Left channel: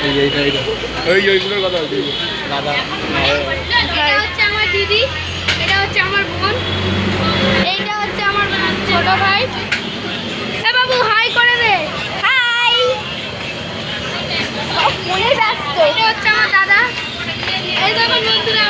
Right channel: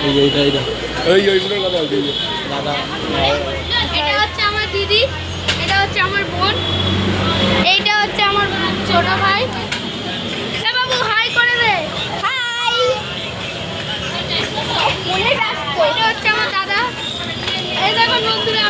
ওইগুলো কথা বলছি দাদা। এটা হচ্ছে আমার দিদি, এটা হচ্ছে আমার বোন, এইটা হচ্ছে আমার ছোট ভাই। এ বাবু হাই করে দে। হাই। ফোনে ব্যস্ত। এটা হচ্ছে আমার দাদা। এই দেখো বন্ধুরা,